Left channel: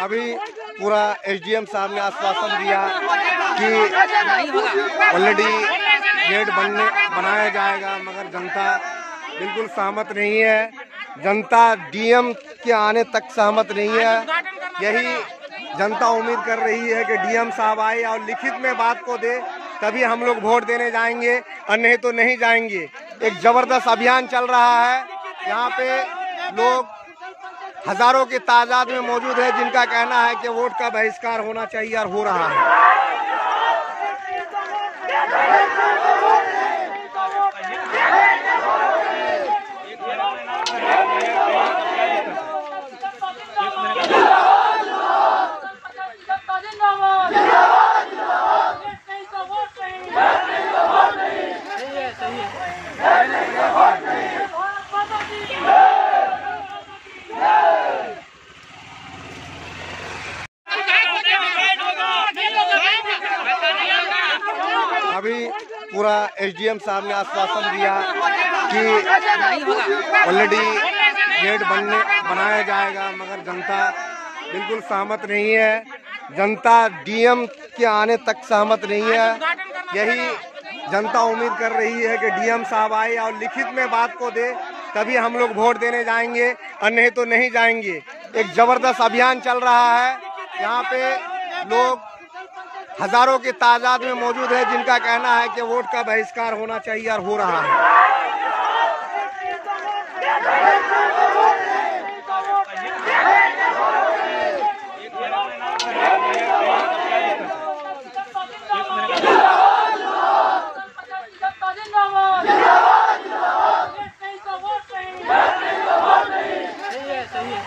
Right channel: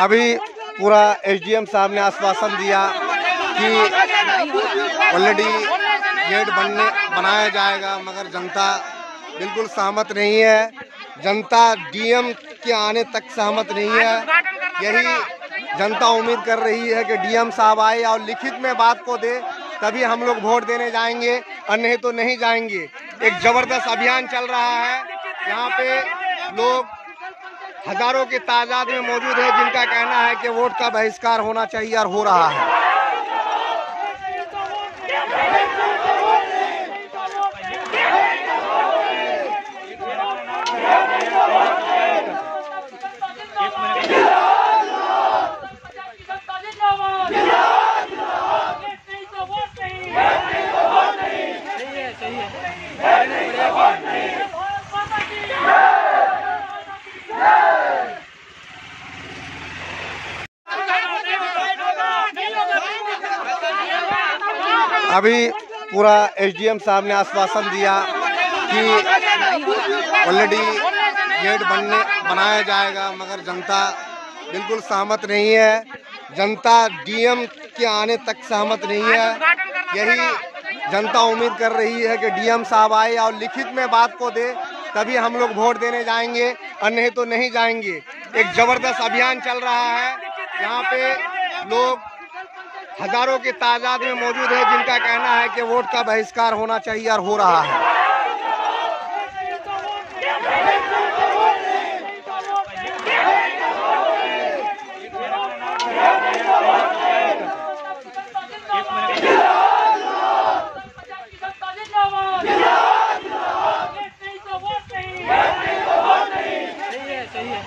अभी पूरा एसडीएम साहब ने आश्वासन दिया कि ऑलरेडी गेट बनाया जाएगा, मगर जनता बिल्कुल सहमत नहीं है। जनता डीएम के आने तक सहमत नहीं है। यही जनता उम्मीद कर रही है कि डीएम साहब आए और लिखित में बात को दे, तभी हम लोग वोट देने जाएंगे और नहीं तो नहीं जाएंगे। एक जबरदस्त अभियान चल रहा है। यहाँ पे लोग हजारों की तादाद में मौजूद है, जिनका कहना है कि वोट का बहिष्कार होना चाहिए और हो रहा है। अभी पूरा एसडीएम साहब ने आश्वासन दिया कि ऑलरेडी गेट बनाया जाएगा, मगर जनता बिल्कुल सहमत नहीं है। जनता डीएम के आने तक सहमत नहीं है। यही जनता उम्मीद कर रही है कि डीएम साहब आए और लिखित में बात को दे, तभी हम लोग वोट देने जाएंगे और नहीं तो नहीं जाएंगे। एक जबरदस्त अभियान चल रहा है। यहाँ पे लोग हजारों की तादाद में मौजूद है, जिनका कहना है कि वोट का बहिष्कार होना चाहिए और हो रहा है। सही है।